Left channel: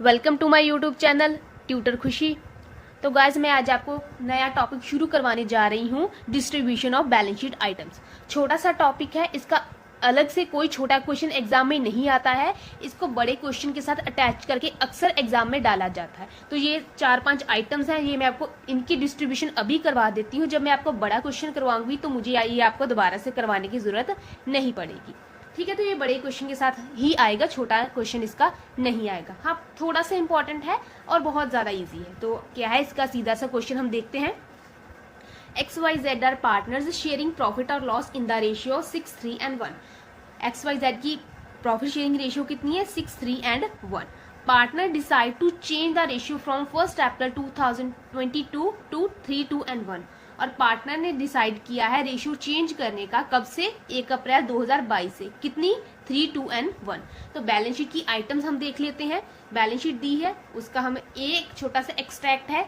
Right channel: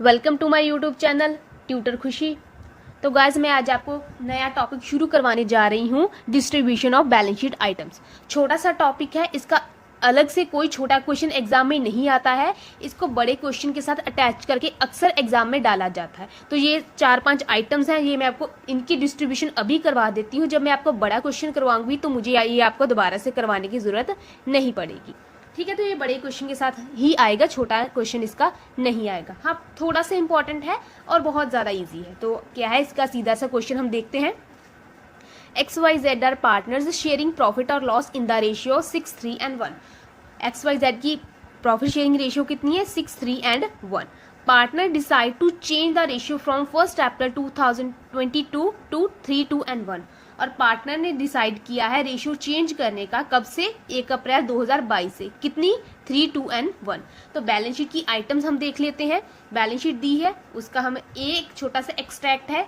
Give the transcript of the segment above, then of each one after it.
Welcome to my YouTube channel tutor Khushi. तो guys मैं आज आपको नया टॉपिक शुरू करवाने जा रही हूँ, distribution of balance sheet items. छोटा सा टॉपिक है, इसका अलग से कोई छोटा क्वेश्चन एग्जाम में नहीं आता है। इसको बड़े क्वेश्चन के साथ अटैच करके अक्सर एग्जाम में डाला जाता है। तो ये 4-5 आइटम्स हैं, ये मैं आपको इनकी डिस्ट्रीब्यूशन अभी करवा देती हूँ। जब मैं आपको बड़ा क्वेश्चन करवाऊंगी तो मुझे ये आपको दोबारा से करवाने की जरूरत नहीं पड़ेगी। ठीक है, तो ये बड़े क्वेश्चन के साथ ही आएगा, छोटा क्वेश्चन इसका नहीं आएगा। हाँ, थोड़ा सा इंपॉर्टेंट है और बहुत ज्यादा इजी है। तो क्या है इसका सीधा सा क्वेश्चन हम देखते हैं। XYZ are partners sharing profit और loss in the ratio 6, 3 and 1। XYZ की प्रॉफिट शेयरिंग रेशियो कितनी है? 6, 3 and 1। Partner decide to change the ratio from 1 April 2022 to 3, 2 and 1। और पार्टनर ने डिसाइड किया है रेशियो चेंज करने का, कब से? 1 अप्रैल 2022 से। कितनी? 3, 2 and 1। तो बैलेंस शीट की आइटम्स हम देख लेते हैं। बैलेंस शीट दी है, उसका हमें एक छोटा सा एक्सट्रैक्ट है,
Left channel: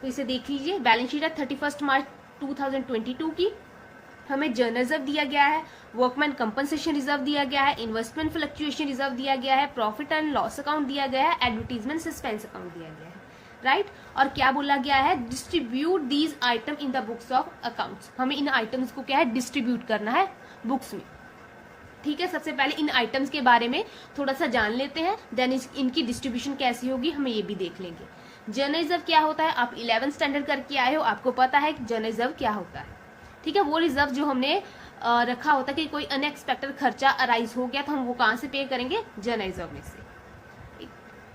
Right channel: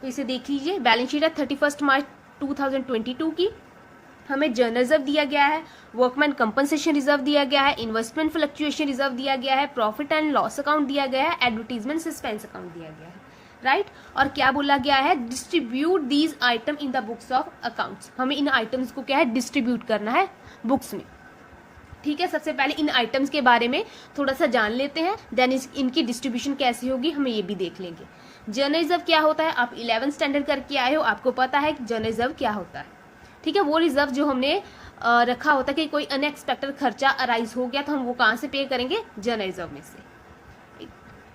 तो इसे देख लीजिए। बैलेंस शीट है 31 मार्च 2022 की। हमें जर्नल रिजर्व दिया गया है, वर्कमैन कंपनसेशन रिजर्व दिया गया है, इन्वेस्टमेंट फ्लक्चुएशन रिजर्व दिया गया है, प्रॉफिट एंड लॉस अकाउंट दिया गया है, एडवर्टीजमेंट सस्पेंस अकाउंट दिया गया है, राइट। और क्या बोला गया है? Distribute these item in the books of accounts. हमें इन आइटम्स को क्या है? डिस्ट्रीब्यूट करना है बुक्स में। ठीक है, सबसे पहले इन आइटम्स के बारे में थोड़ा सा जान लेते हैं, देन इनकी डिस्ट्रीब्यूशन कैसी होगी हम ये भी देख लेंगे। जर्नल रिजर्व क्या होता है? आप 11th स्टैंडर्ड करके आए हो, आपको पता है जर्नल रिजर्व क्या होता है। ठीक है, वो रिजर्व जो हमने रखा होता है कि कोई अनएक्सपेक्टेड खर्चा अराइज हो गया तो हम वो कहाँ से पे करेंगे? जर्नल रिजर्व में से।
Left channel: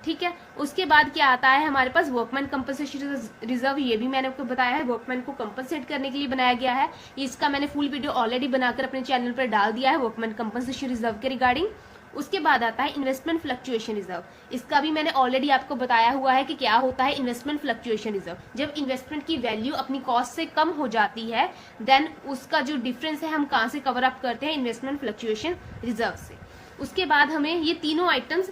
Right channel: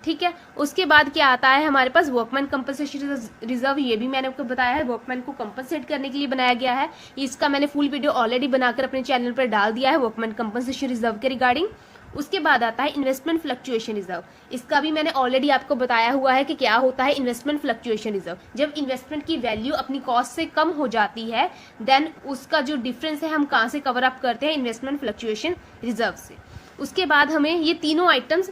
ठीक है, उसके बाद क्या आता है हमारे पास? Workman compensation reserve. ये भी मैंने आपको बताया है, वर्कमैन को कंपनसेट करने के लिए बनाया गया है। इसका मैंने फुल वीडियो ऑलरेडी बनाकर अपने चैनल पर डाल दिया है, वर्कमैन कंपनसेशन रिजर्व के रिगार्डिंग। उसके बाद आता है इन्वेस्टमेंट फ्लक्चुएशन रिजर्व। इसका भी मैंने ऑलरेडी आपको बताया हुआ है कि क्या होता है इन्वेस्टमेंट फ्लक्चुएशन रिजर्व। जब इन्वेस्टमेंट की वैल्यू अपनी कॉस्ट से कम हो जाती है, देन उसका जो डिफरेंस है हम कहाँ से कवर अप करते हैं? इन्वेस्टमेंट फ्लक्चुएशन रिजर्व से। उसके बाद हमें ये तीनों आइटम्स,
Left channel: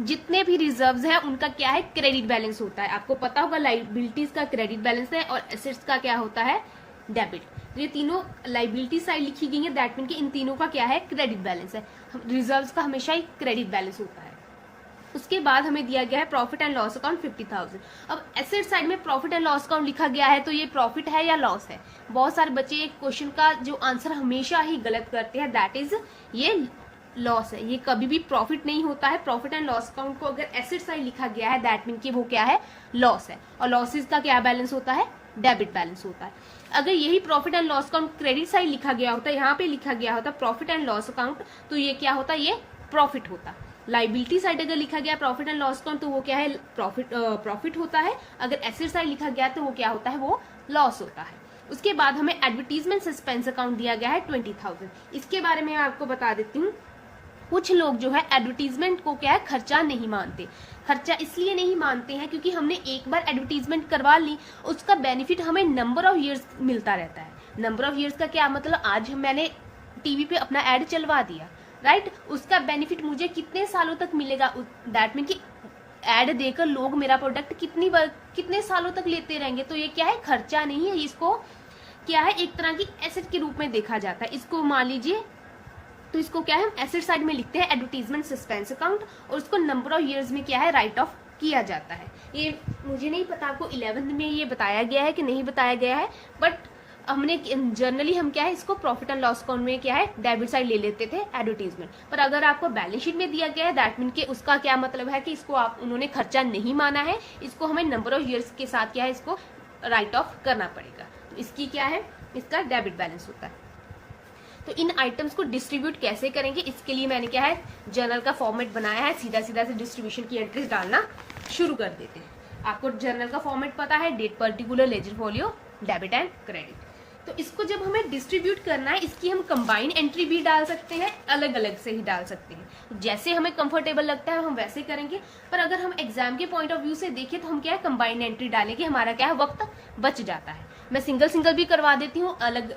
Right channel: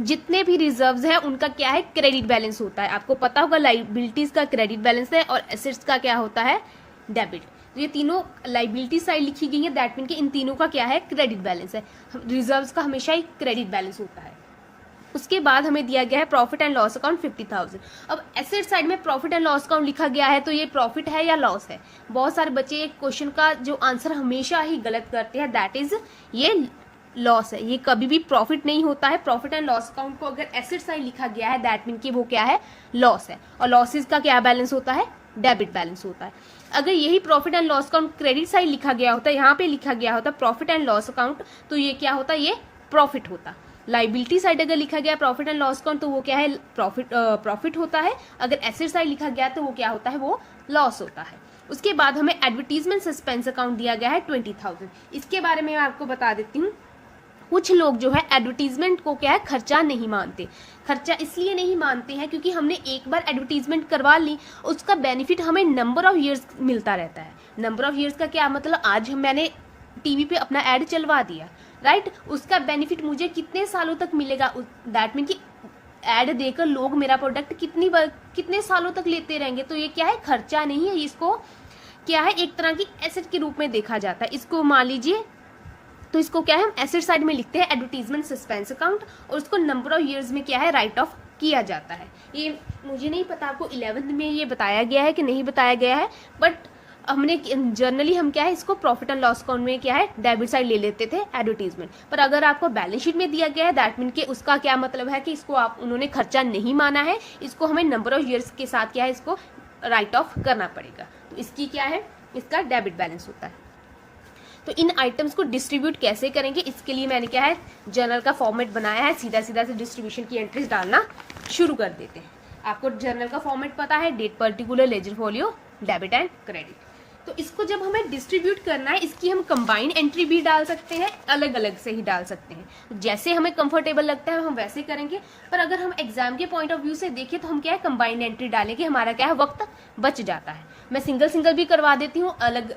जितने भी रिजर्व्स हैं उनका क्या है? क्रेडिट बैलेंस होता है। आपको पता होगा लाइबिलिटीज का क्रेडिट बैलेंस है और एसेट्स का क्या होता है? डेबिट। तो ये तीनों लाइबिलिटी साइड लिखी गई है, दैट मीन कि इन तीनों का क्या है? क्रेडिट बैलेंस है। रिजर्व्स का हमेशा ही क्रेडिट बैलेंस होता है। उसके बाद हमें दिया गया है प्रॉफिट एंड लॉस अकाउंट 50,000। अब एसेट साइड में प्रॉफिट एंड लॉस अकाउंट लिखा गया है, तो ये प्रॉफिट है या लॉस है? बहुत सारे बच्चे एक क्वेश्चन का जो आंसर हमेशा ही गलत करते हैं, दैट इज ये लॉस है। ये कभी भी प्रॉफिट नहीं होता है। प्रॉफिट एंड लॉस अकाउंट को अगर एसेट साइड लिखा गया है, दैट मीन कि वो क्या है? लॉस है। और लॉसेस का क्या बैलेंस होता है? डेबिट बैलेंस होता है। अगर यही profit and loss account credit side लिखा गया होता है, यहाँ पे लिखा गया होता प्रॉफिट एंड लॉस अकाउंट, तो ये क्या होता? ये प्रॉफिट होता। लाइबिलिटी साइड अगर लिखा गया प्रॉफिट एंड लॉस अकाउंट, तो वो क्या है? प्रॉफिट होता है। अगर एसेट साइड लिखा गया तो वो क्या होता है? वो लॉस होता है। उसके बाद हमें एडवर्टीजमेंट सस्पेंस अकाउंट दिया गया है 20,000। इसके बारे में आपको बता देती हूँ। कुछ लोग जो है एडवर्टीजमेंट को क्या है? खर्चा नहीं मानते। खर्चा इसलिए नहीं मानते हैं क्योंकि हमने एक बार एडवर्टीजमेंट करवा ली, उसका बेनिफिट हमें नंबर ऑफ ईयर्स मिलता रहता है। नंबर ऑफ ईयर्स का क्या मतलब? आज मैंने टीवी पे अपना एड चलवा दिया, राइट, उसका बेनिफिट मुझे कितने सालों तक मिलेगा? दैट मीन कि एड देकर लोग मेरा प्रोडक्ट कितने सालों तक लेते रहेंगे। तो ये क्या है? खर्चा नहीं है, इसको क्या है? एक तरह की एसेट के रूप में देखा जाता है। इसको मान लीजिए, तो इसको क्या है? हम एसेट साइड में लिखते हैं एडवर्टीजमेंट सस्पेंस अकाउंट, और उसको नंबर ऑफ ईयर्स में क्या है? राइट ऑफ किया जाता है। ये मुझे नहीं पता आपको 11th में ये बताया गया है कि नहीं बताया गया है, बट हमने जनरली हम क्या है? इसको प्रॉफिट एंड लॉस अकाउंट में क्या है? डेबिट साइड ले लेते थे एडवर्टीजमेंट। पर अगर आपको बैलेंस शीट में दिया गया है, दैट मीन कि उसका क्या मतलब है कि इसको उन्होंने खर्चा नहीं माना है, इसको हमें नंबर ऑफ ईयर्स के साथ क्या है? इसको राइट ऑफ करना पड़ेगा। तो इसकी क्या है? इसका डेबिट बैलेंस होता है। तो इन आइटम्स को डिस्ट्रीब्यूट कैसे करेंगे, इसके लिए मैंने क्या है? जर्नल का फॉर्मेट बनाया है। सीधा सीधा से डिस्ट्रीब्यूशन की एंट्रीज डालना शुरू कर देते हैं। आपको जर्नल का फॉर्मेट पता है, date, particular, ledger folio, debit and credit. तो इसको जब हमें डिस्ट्रीब्यूट करना है, इसकी हम कंबाइंड एंट्री भी डाल सकते हैं, अलग अलग से ही डाल सकते हैं। जैसे हमें कंफर्टेबल लगता है हम वैसे करेंगे। पर अगर हम एग्जाम के पॉइंट ऑफ व्यू से देखें तो हम क्या है? कंबाइंड एंट्री डालेंगे, हमारा क्या है? वक्त बच जाता है। मैं सिंगल सिंगल भी करवा देती हूँ, अलग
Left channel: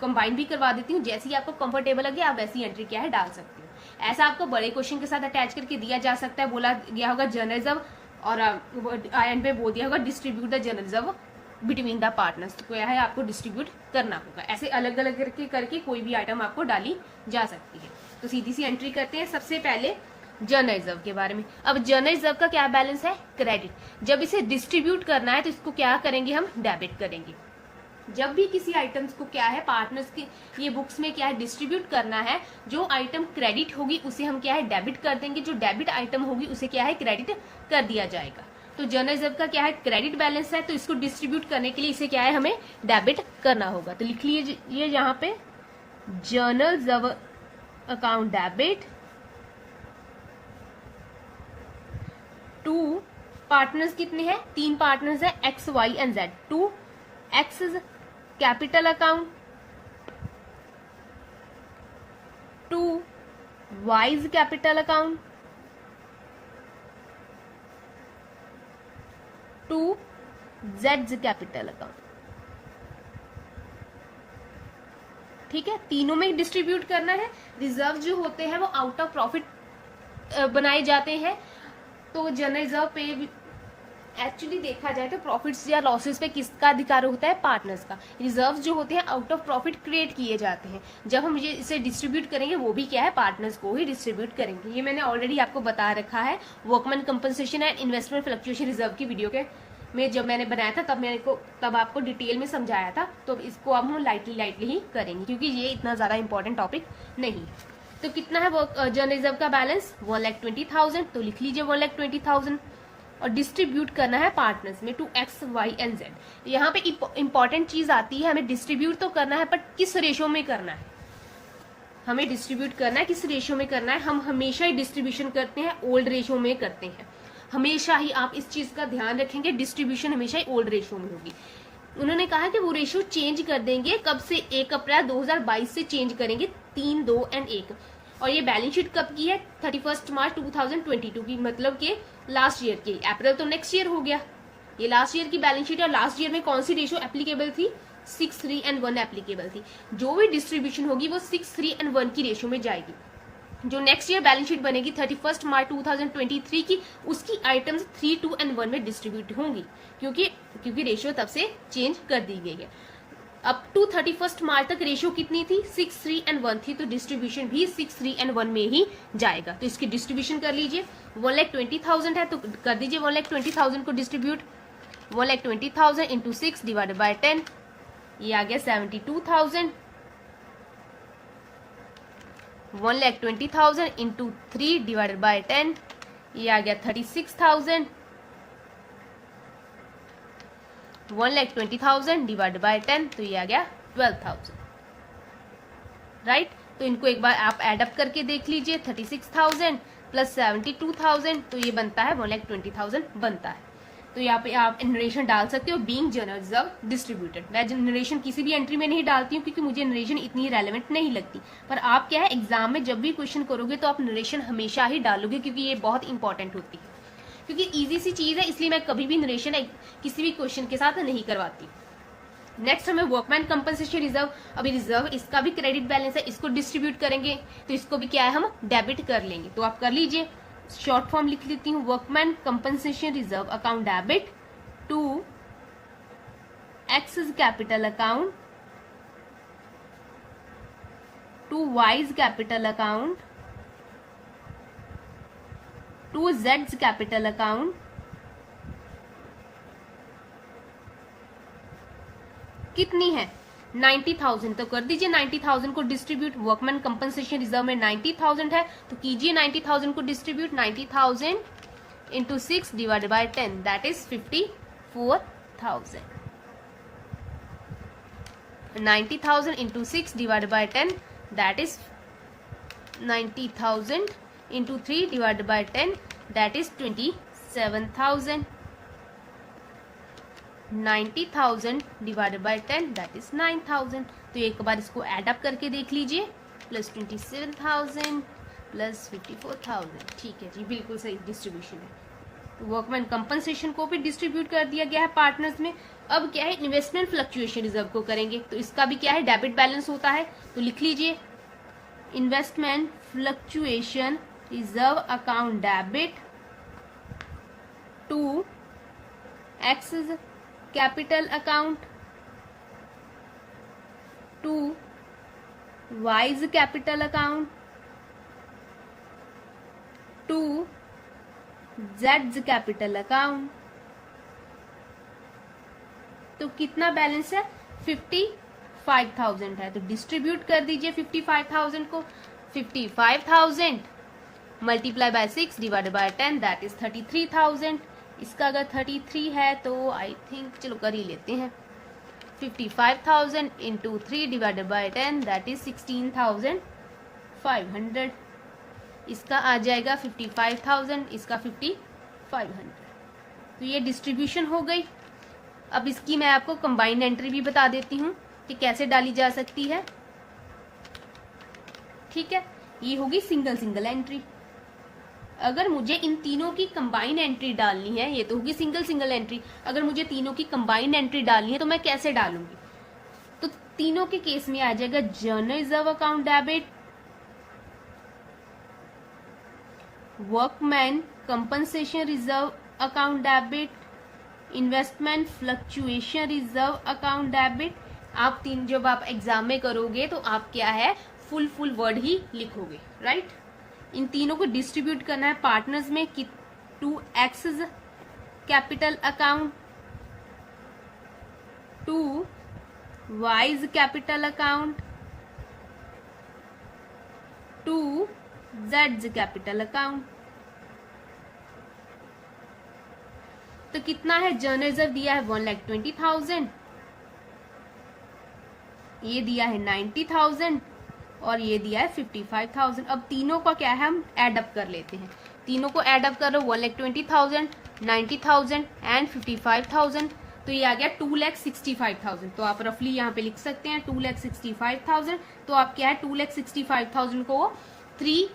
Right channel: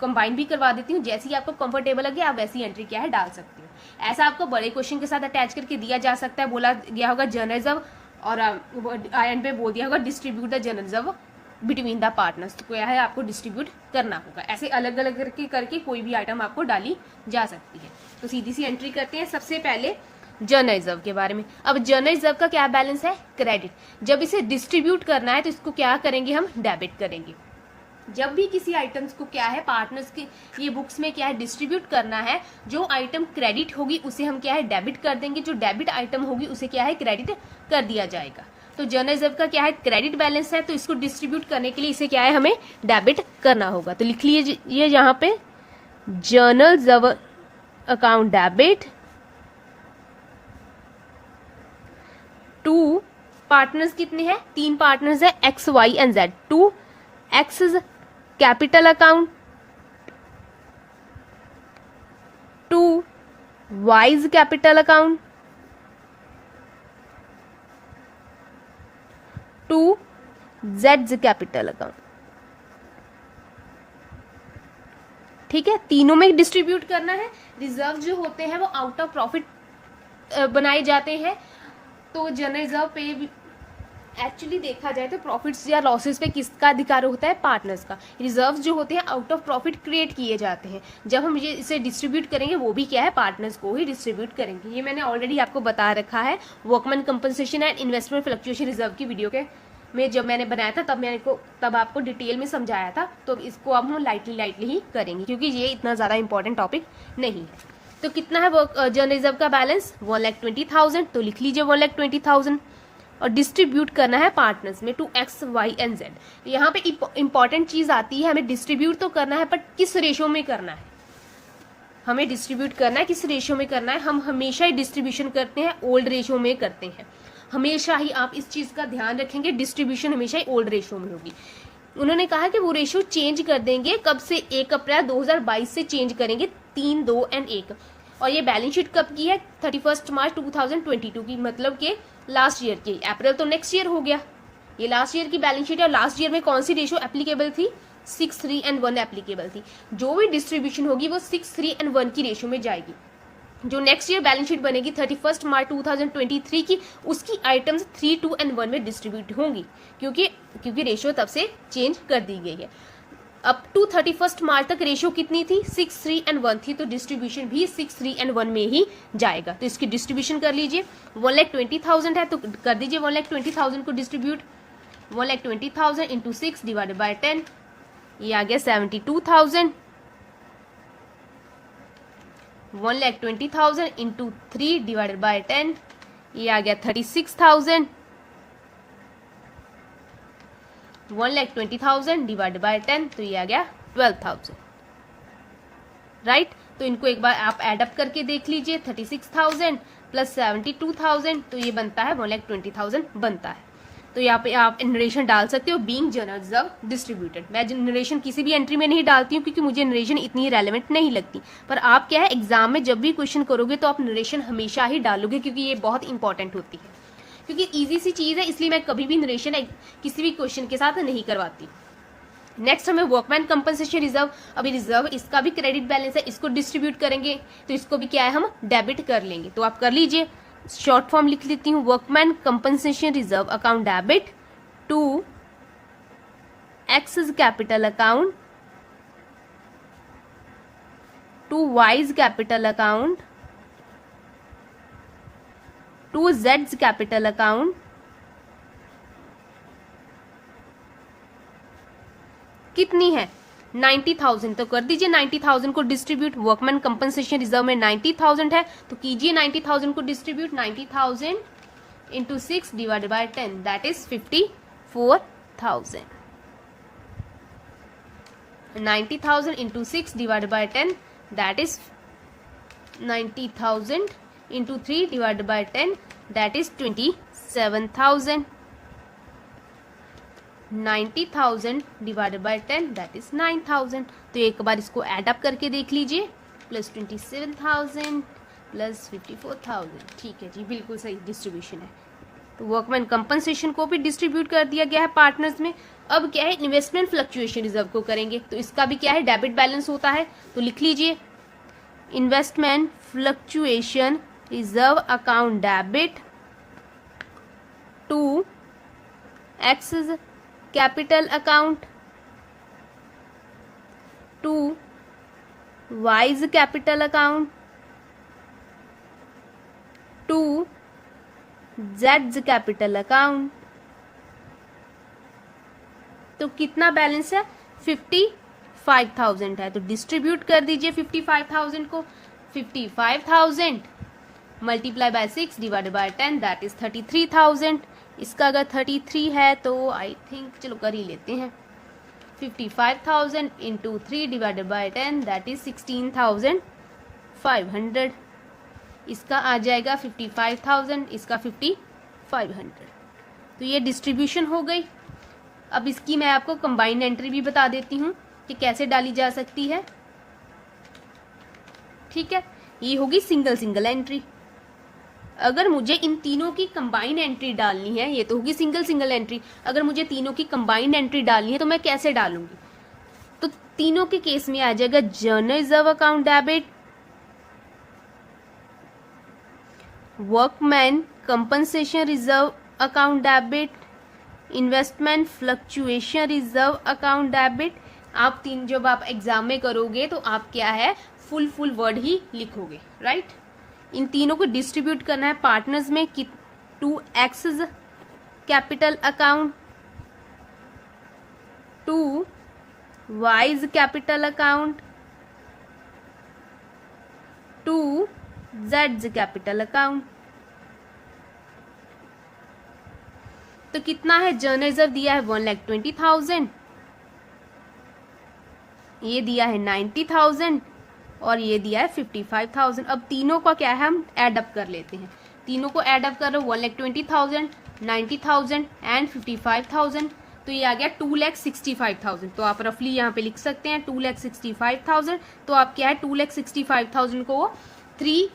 कंबाइन भी करवा देती हूँ। जैसी आपको कंफर्टेबल लगे आप वैसी एंट्री क्या है? डाल सकते हो। ऐसा आपको बड़े क्वेश्चन के साथ अटैच करके दिया जा सकता है। बोला गया होगा जर्नल रिजर्व, और एंड पे बोल दिया होगा distribute the journal reserve between the partners. तो क्या है? आपको डिस्ट्रीब्यूट करना होगा। ऐसे अलग अलग करके कोई भी आइटम आपको डाली जा सकती है। तो सीधी सी एंट्री करते हैं। सबसे पहले जनरल रिजर्व के बारे में। अब जनरल रिजर्व का क्या बैलेंस है? क्रेडिट। जब इसे डिस्ट्रीब्यूट करना है तो इसको क्या करेंगे? हम डेबिट करेंगे। जब भी किसी आइटम्स को क्या है पार्टनर्स की ये बुक्स में क्या है डिस्ट्रीब्यूट करना है, जो आइटम क्रेडिट होगी उसे हम क्या है डेबिट कर देंगे, जो डेबिट आइटम होगी उसे क्या है क्रेडिट कर दिया जाएगा। तो जनरल रिजर्व का क्या है क्रेडिट बैलेंस है, तो इसको डिस्ट्रीब्यूट करने के लिए इसे क्या है हमें डेबिट करना होगा। तो लिख लीजिए यहाँ पे general reserve account debit to partners कितने हैं? 3 पार्टनर्स है X Y and Z. To X is capital account, to Y is capital account, to Z capital account. ठीक है, तीनों में डिस्ट्रीब्यूट करना है। रिजर्व जो होते हैं वो आउट ऑफ प्रॉफिट बनाए जाते हैं। तो जनरल रिजर्व पे एक्चुअली देखा जाए तो प्रॉफिट्स या लॉसेस पे किसका अधिकार होता है? पार्टनर्स का। रिजर्व जो होते हैं आउट ऑफ प्रॉफिट क्रिएट किए जाते हैं। जब हम ये इसे डिस्ट्रीब्यूट करेंगे वो भी क्या है पार्टनर्स को ही डिस्ट्रीब्यूट करेंगे। ये मैंने ऑलरेडी आपको बता रखा है workman compensation and investment fluctuation reserve की वीडियो के में जब मैंने बनाया था तब आपको डिटेल में समझाया था। तो इसको अब हम लाइटली ही करेंगे क्योंकि ये इतना ज्यादा इंपॉर्टेंट टॉपिक नहीं। तो कितना है जनरल रिजर्व का बैलेंस? 1,20,000। तो लिख लीजिए 1,20,000 और डिस्ट्रीब्यूट करना है पार्टनर्स में to X Y and Z. यहाँ पे इंपॉर्टेंट चीज आती है, हमें डिस्ट्रीब्यूट तो करना है बट किस रेशो में करना है? हमें डिस्ट्रीब्यूट करना है किस रेशो में करना है? हम हमेशा ही डिस्ट्रीब्यूशन करते हैं ओल्ड रेशो में करते हैं। हमेशा ही आप इस चीज का ध्यान रखेंगे, डिस्ट्रीब्यूशन हमेशा ही ओल्ड रेशो में होगी। उन्होंने कहा कि वो रेशो चेंज कर देंगे कब से? 1 अप्रैल 2022 से चेंज करेंगे 3, 2 एंड 1। और ये बैलेंस शीट कब की है? 31 मार्च 2022 की, मतलब कि लास्ट ईयर की। अप्रैल तो नेक्स्ट ईयर हो गया, ये लास्ट ईयर की बैलेंस शीट है। लास्ट ईयर में कौन सी रेशो एप्लीकेबल थी? 6, 3 एंड 1 एप्लीकेबल थी। जो भी डिस्ट्रीब्यूशन होगी वो 6, 3 एंड 1 की रेशो में जाएगी। जो नेक्स्ट ईयर बैलेंस शीट बनेगी 31 मार्च 2023 की, उसकी आइटम्स 3, 2 एंड 1 में डिस्ट्रीब्यूट होंगी क्योंकि रेशियो तब से चेंज कर दी गई है। अप टू 31 मार्च तक रेशियो कितनी थी? 6, 3 एंड 1 थी। तो डिस्ट्रीब्यूशन भी 6, 3 एंड 1 में ही जाएगा। तो इसकी डिस्ट्रीब्यूशन कर लीजिए। 1,20,000 है तो कर दीजिए 1,20,000 को डिस्ट्रीब्यूट। 1,20,000 इंटू 6 डिवाइडेड बाय 10, ये आ गया 72,000। 1,20,000 इंटू 3 डिवाइडेड बाय 10, ये आ गया 36,000। 1,20,000 डिवाइडेड बाय 10, तो ये आ गया 12,000। राइट, तो इनको एक बार आप एडअप करके देख लीजिए। 36,000 प्लस 72,000, तो ये बनता है 1,20,000 बनता है। तो यहाँ पे आप नरेशन डाल सकते हो बीइंग जनरल रिजर्व डिस्ट्रीब्यूटेड। मैं नरेशन किसी भी एंट्री में नहीं डालती हूँ क्योंकि मुझे नरेशन इतनी रेलेवेंट नहीं लगती। पर आप क्या है एग्जाम में जब भी क्वेश्चन करोगे तो आप नरेशन हमेशा ही डालोगे क्योंकि ये बहुत इंपॉर्टेंट होती है, क्योंकि इजी सी चीज है, इसलिए मैं कभी भी नरेशन किसी भी क्वेश्चन के साथ नहीं करवाती। नेक्स्ट हमें वर्कमैन कंपनसेशन रिजर्व। अभी रिजर्व इसका भी क्रेडिट बैलेंस है, इसको डिस्ट्रीब्यूट करेंगे तो इसको भी क्या है हम डेबिट कर लेंगे। तो आप कर लीजिए, शॉर्ट फॉर्म लिख लेती हूँ। Workman compensation reserve account debit to X capital account, to Y capital account, to Z capital account, कितनी है? 90,000। तो कर दीजिए 90,000 को डिस्ट्रीब्यूट। वर्कमैन कंपनसेशन रिजर्व में 90,000 है तो कीजिए 90,000 को distribute. 90,000 into 6 divided by 10, that is 54,000। 90,000 into 6 divided by 10, that is 90,000 into 3 divided by 10, that is 27,000। 90,000 divided by 10, that is 9,000। तो एक बार इसको एड अप करके देख लीजिए। Plus 27,000 plus 54,000। ठीक है जी, बिल्कुल सही डिस्ट्रीब्यूशन है। तो वर्कमैन कंपनसेशन को भी डिस्ट्रीब्यूट कर दिया गया है पार्टनर्स में। अब क्या है इन्वेस्टमेंट फ्लक्चुएशन रिजर्व को करेंगे तो इसका भी क्या है डेबिट बैलेंस होता है। तो लिख लीजिए investment fluctuation reserve account debit to X capital account, to Y's capital account, to जेड्स कैपिटल अकाउंट। तो कितना बैलेंस है? 55,000 है, तो डिस्ट्रीब्यूट कर दीजिए 55,000 को। 55,000 multiply by 6 divided by 10 that is 33,000। इसका अगर 33 है तो आई थिंक चलो कर ही लेते हैं। 55,000 into 3 divided by 10 that is 16,500। इसका आ जाएगा 55,000, इसका 5,500। तो ये डिस्ट्रीब्यूशन हो गई। अब इसकी मैं आपको कंबाइंड एंट्री भी बता देती हूँ कि कैसे डाली जा सकती है। ठीक है, ये होगी सिंगल सिंगल एंट्री। अगर मुझे इन तीनों की कंबाइंड एंट्री डालनी है, ये तो होगी सिंगल सिंगल एंट्री, अगर मुझे तीनों की कंबाइंड एंट्री डालनी है तो मैं कैसे डालूंगी? तो तीनों के केस में आ जाएगा journal reserve account debit, workman compensation reserve account debit, investment fluctuation reserve account debit. आप तीन जब आप एग्जाम में करोगे तो आप क्या है फुल वर्ड ही लिखोगे, राइट। इन तीनों को डिस्ट्रीब्यूट करना है पार्टनर्स में कि to X's capital account, to Y's capital account, to जेड्स कैपिटल अकाउंट। तो कितना है? जर्नल रिजर्व दिया है 1,20,000, ये दिया है 90,000 और ये दिया है 55,000। अब तीनों का क्या है हम एड अप कर लेते हैं। तीनों को एड अप कर रहे हो 1,20,000, 90,000 एंड 55,000। तो ये आ गया 2,65,000। तो आप रफली यहाँ पे लिख सकते हैं 2,65,000। तो आप क्या है 2,65,000 को 6,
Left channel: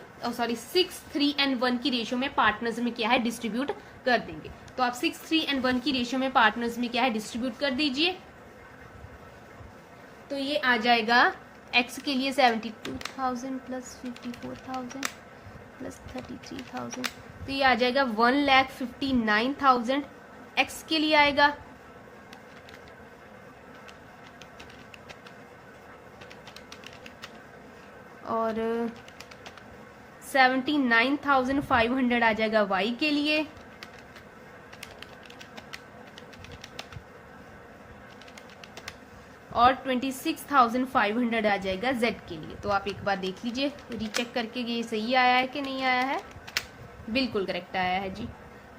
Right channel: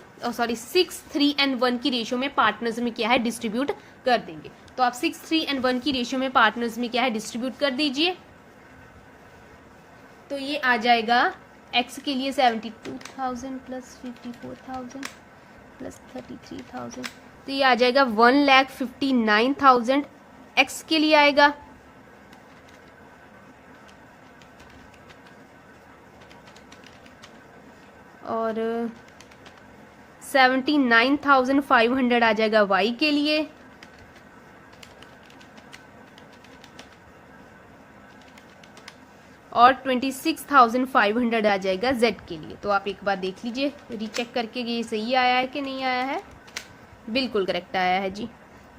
3 एंड 1 की रेशियो में पार्टनर्स में क्या है डिस्ट्रीब्यूट कर देंगे। तो आप 6, 3 एंड 1 की रेशियो में पार्टनर्स में क्या है डिस्ट्रीब्यूट कर दीजिए। तो ये आ जाएगा एक्स के लिए 72,000 प्लस 54,000 प्लस 33,000। तो ये आ जाएगा 1,59,000 एक्स के लिए आएगा। और 79,500 आ जाएगा वाई के लिए। और 26,500 आ जाएगा जेड के लिए। तो आप एक बार देख लीजिए रीचेक करके ये सही आया है कि नहीं आया है। बिल्कुल करेक्ट आया है जी।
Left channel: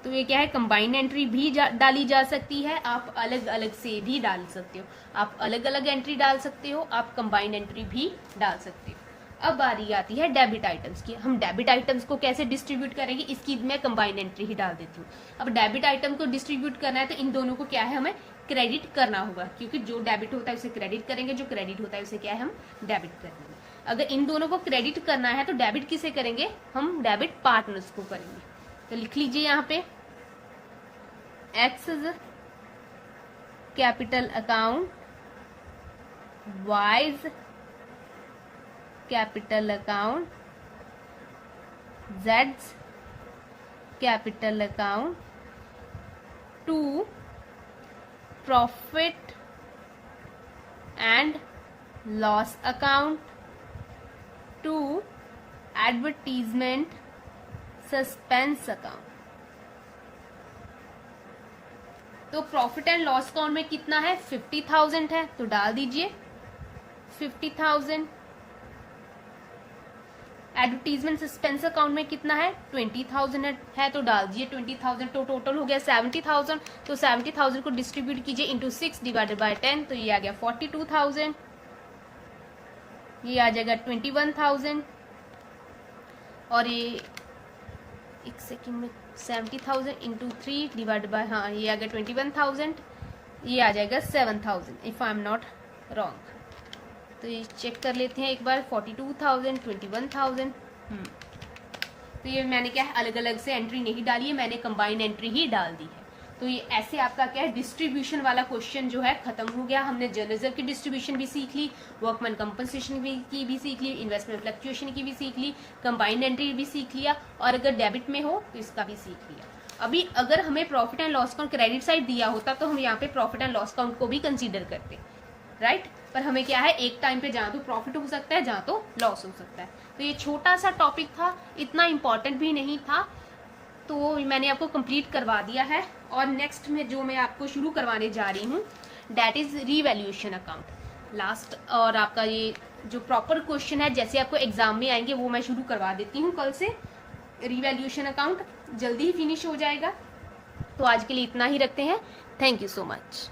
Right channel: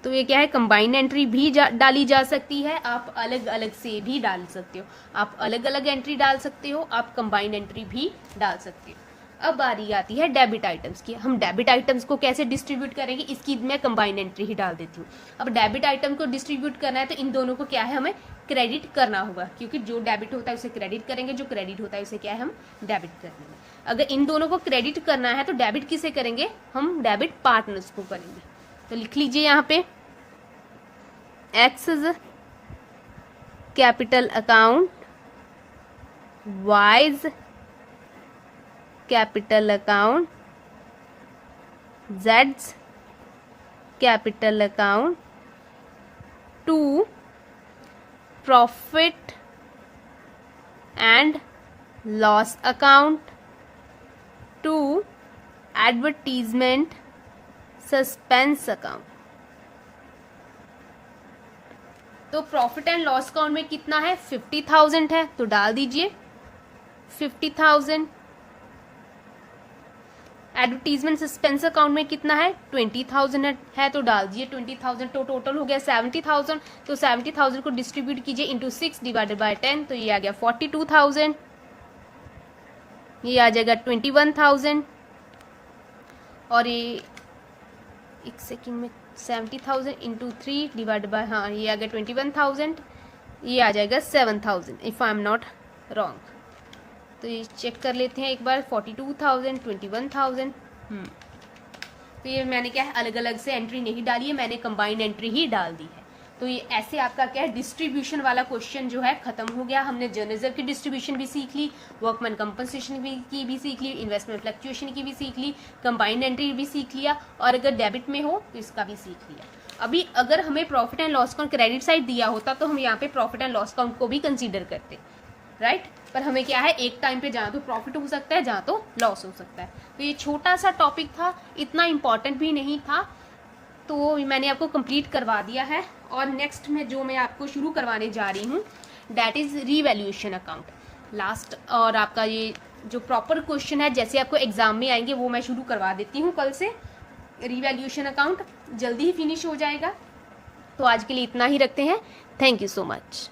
तो ये क्या है कंबाइंड एंट्री भी डाली जा सकती है, आप अलग अलग से भी डाल सकते हो। आप अलग अलग एंट्री डाल सकते हो, आप कंबाइंड एंट्री भी डाल सकते हो। अब बारी आती है डेबिट आइटम्स की। हम डेबिट आइटम्स को कैसे डिस्ट्रीब्यूट करेंगे, इसकी मैं कंबाइंड एंट्री ही डाल देती हूँ। अब डेबिट आइटम को डिस्ट्रीब्यूट करना है तो इन दोनों को क्या है हमें क्रेडिट करना होगा, क्योंकि जो डेबिट होता है उसे क्रेडिट करेंगे, जो क्रेडिट होता है उसे क्या है हम डेबिट करेंगे। अगर इन दोनों को क्रेडिट करना है तो डेबिट किसे करेंगे? हम डेबिट पार्टनर्स को करेंगे। तो लिख लीजिए यहाँ पे X capital account, Y's capital account, जेड्स capital account, to profit and loss account, to advertisement suspense account. तो प्रॉफिट एंड लॉस अकाउंट में कितना है? 50,000 है, तो डाल दीजिए 50,000। एडवर्टीजमेंट सस्पेंस अकाउंट में कितना है? 20,000 है, तो डाल दिए 20,000। तो टोटल हो गया 70,000। तो 70,000 को डिस्ट्रीब्यूट कीजिए इंटू 6 डिवाइडेड बाय 10। तो ये आ गया 42,000। ये आ जाएगा 21,000। और ये एक सेकेंड में 70,000 इंटू 3 डिवाइड बाय, हाँ ये आ गया 21,000। ये आ जाएगा 7,000 if I am not wrong. तो ये चेक कर लेते हैं एक बार। 42,000, 21,000। तो ये मैंने क्या है अलग अलग से एंट्री नहीं डाली है, मैंने कंबाइंड एंट्री ही डाल दी है। तो ये ऐसे आपका क्या है डिस्ट्रीब्यूशन वाला क्वेश्चन जो है खत्म हो गया। हमने जर्नल रिजर्व की डिस्ट्रीब्यूशन भी सीख ली, वर्कमैन कंपनसेशन की भी सीख ली, इन्वेस्टमेंट फ्लक्चुएशन की भी सीख ली, कंबाइंड एंट्री भी सीख लिया, और अगर डेबिट में हो तो इसका भी सीख लिया। अभी अगर हमें profit and loss account credit side दिया होता तो हम यहाँ पे प्रॉफिट एंड लॉस अकाउंट को भी कंसीडर करते, राइट। पर हमें क्या है, एक टाइम पे जहाँ तो प्रॉफिट हो सकता है, जहाँ तो लॉस हो सकता है। तो ये छोटा सा टॉपिक था, इतना इम्पॉर्टेंट भी नहीं था, तो मैंने आपको कंप्लीट करवा दिया है। और नेक्स्ट में जो मैं आपको शुरू करवाने जा रही हूँ that is revaluation account last. और आपका ये जो प्रॉपर क्वेश्चन है जैसे आपको एग्जाम में आएंगे वो मैं शुरू करवा देती हूँ कल से। रीवैल्यूएशन अकाउंट जल्दी ही फिनिश हो जाएगा। तो आज के लिए इतना ही रखते हैं। Thank you so much.